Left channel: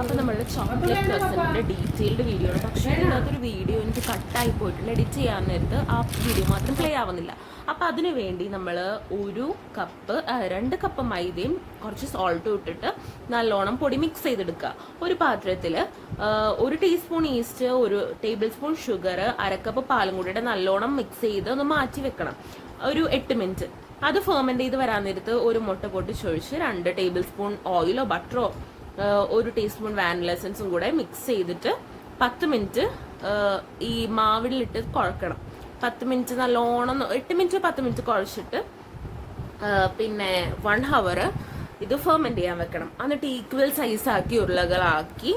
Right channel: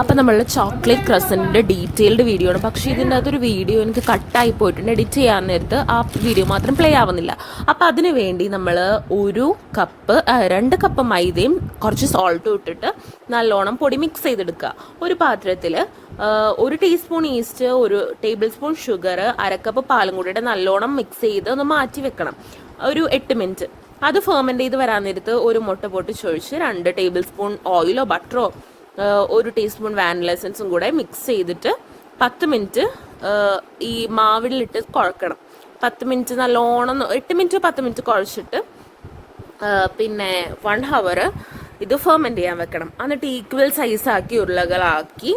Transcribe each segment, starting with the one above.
അപ്പോൾ നമ്മളുടെ chocolate ക്രസൻറ്റിൻ്റെ detailed video ആണ്. പക്ഷേ ഇതിൻ്റെ അകത്തൊരു വീഡിയോ എനിക്ക് കട്ടായി പോയിട്ടുണ്ട്. എഡിറ്റ് ചെയ്യാൻ നേരത്ത് ആ വീഡിയോ മാത്രം പ്ലേ ആവുന്നില്ല. അപ്പോൾ അതിന് വേണ്ടി നമ്മൾ 2 കപ്പ് മൈദയും കുറച്ച് സോൾട്ടും ഇട്ടിട്ട് നല്ലോണം പൊടി മിക്സ് ചെയ്തെടുക്കുക. ഒരു പാത്രത്തിൽ 1 teaspoon yeast, 1 table spoon sugar, 1/2 cup പാലും കൂടിയിട്ട് നല്ലോണം മിക്സ് ചെയ്ത് ഒന്ന് മാറ്റി വെക്കണം ഒരു 8 മിനിറ്റ്. അത് ഫെർമെൻറ്റ് ചെയ്ത് വരാൻ നേരത്ത് ഒരു മുട്ട പൊട്ടിച്ചൊഴിച്ച് 2 ടേബിൾ സ്പൂൺ ഓയിലോ ബട്ടറോ 1 ടീസ്പൂൺ വാനില എസൻസും കൂടെ മിക്സ് ചെയ്തിട്ട് 10 മിനിറ്റ് ഈ മാവിലിട്ട് കുഴക്കണം. 10 മിനിറ്റ് നല്ലോണം 8 മിനിറ്റ് 10 മിനിറ്റ് കുഴച്ചിട്ട് പിന്നെ 1 ഹവർ ഇത് ഫെർമെൻറ്റ് ചെയ്യാൻ വെക്കണം. എന്നിട്ട് ഈക്വൽ സൈസാക്കി ഉരുളകളാക്കി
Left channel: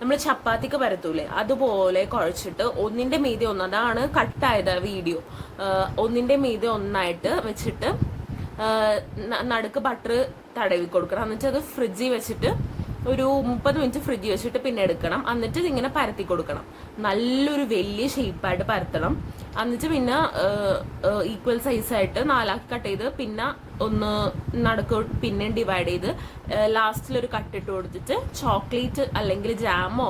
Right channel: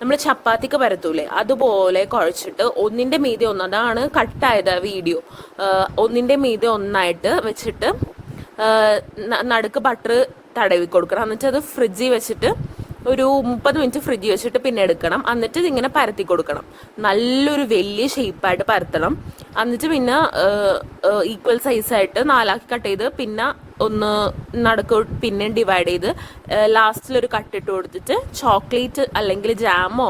നമ്മൾ ചപ്പാത്തിക്ക് പരത്തൂലേ അതുപോലെ കുഴച്ചിട്ട് ഒന്നിൻ്റെ മീതെ ഒന്ന്, അതാണ് കട്ടായത് വീഡിയോ, ഒന്നിൻ്റെ മീതെ ഒന്നായിട്ട് വെച്ചിട്ട് നടുക്ക് ബട്ടർ തടവി കൊടുക്കണം. എന്നിട്ട് അത് ഫ്രിഡ്ജിൽ വെച്ചിട്ട് ഒരു 30 മിനിറ്റ് ഫ്രിഡ്ജിൽ വെച്ചിട്ട് പിന്നെ എടുക്കണം. എന്നിട്ട് ഇതിങ്ങനെ പരത്തി കൊടുക്കണം. നല്ലൊരു വലിയ ഷേപ്പായിട്ട് പരത്തണം. എന്നിട്ട് പിന്നെ ഈക്വൽ സൈസായിട്ട് 4ആക്കി കട്ട് ചെയ്ത് പിന്നെ ഒന്ന് നടുക്ക് പിന്നെ ഡിവൈഡ് ചെയ്ത് ലാസ്റ്റിലൊരു കട്ടിട്ട് കൊടുത്തിട്ട് ചോക്ലേറ്റ് അല്ലെങ്കിൽ ജാമോ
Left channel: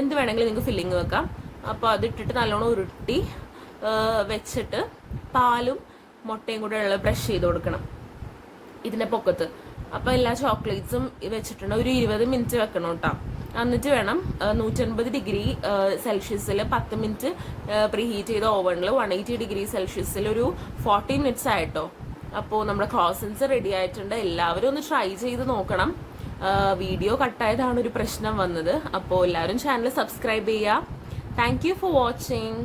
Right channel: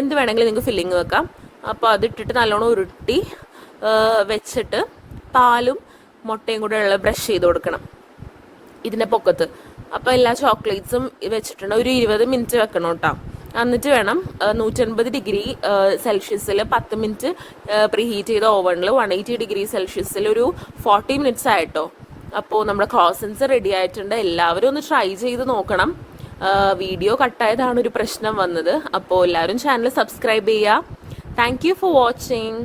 എന്ത് വേണമെങ്കിലും നിങ്ങൾക്ക് ഫില്ലിങ് വെക്കാം. അപ്പോൾ അതിട്ടിട്ട് നല്ലോണം ഉരുട്ടി വെച്ചിട്ട് പാലും മുട്ടയും കൂടെ ഉള്ള ബ്രഷ് ചെയ്ത് കൊടുക്കണം ഇതിൻ്റെ പൊക്കത്ത്. അപ്പോൾ എല്ലാ ചോക്ലേറ്റ്സും വെച്ചിട്ടുണ്ട്. ഒരു 20 മിനിറ്റ് വെക്കണം കേട്ടോ. എന്നിട്ട് വേണം 150 ഡിഗ്രി സെൽഷ്യസിൽ 10 മിനിറ്റ് പ്രീഹീറ്റ് ചെയ്ത ഓവണിൽ 180 ഡിഗ്രി സെൽഷ്യസിൽ ഒരു 40 മിനിറ്റ്സ് ആയിട്ടോ. അപ്പോൾ നമ്മുടെ ക്രോസൻസ് റെഡി ആയിട്ടുണ്ട്. എല്ലാവരും ഒന്ന് ട്രൈ ചെയ്ത് നോക്കണം. വീഡിയോ കട്ടായതാണ് ഒരു പ്രശ്നം വന്നത്. അപ്പോൾ എല്ലാവരും ചാനൽ സബ്സ്ക്രൈബ് ചെയ്യുക. Thank you for watching.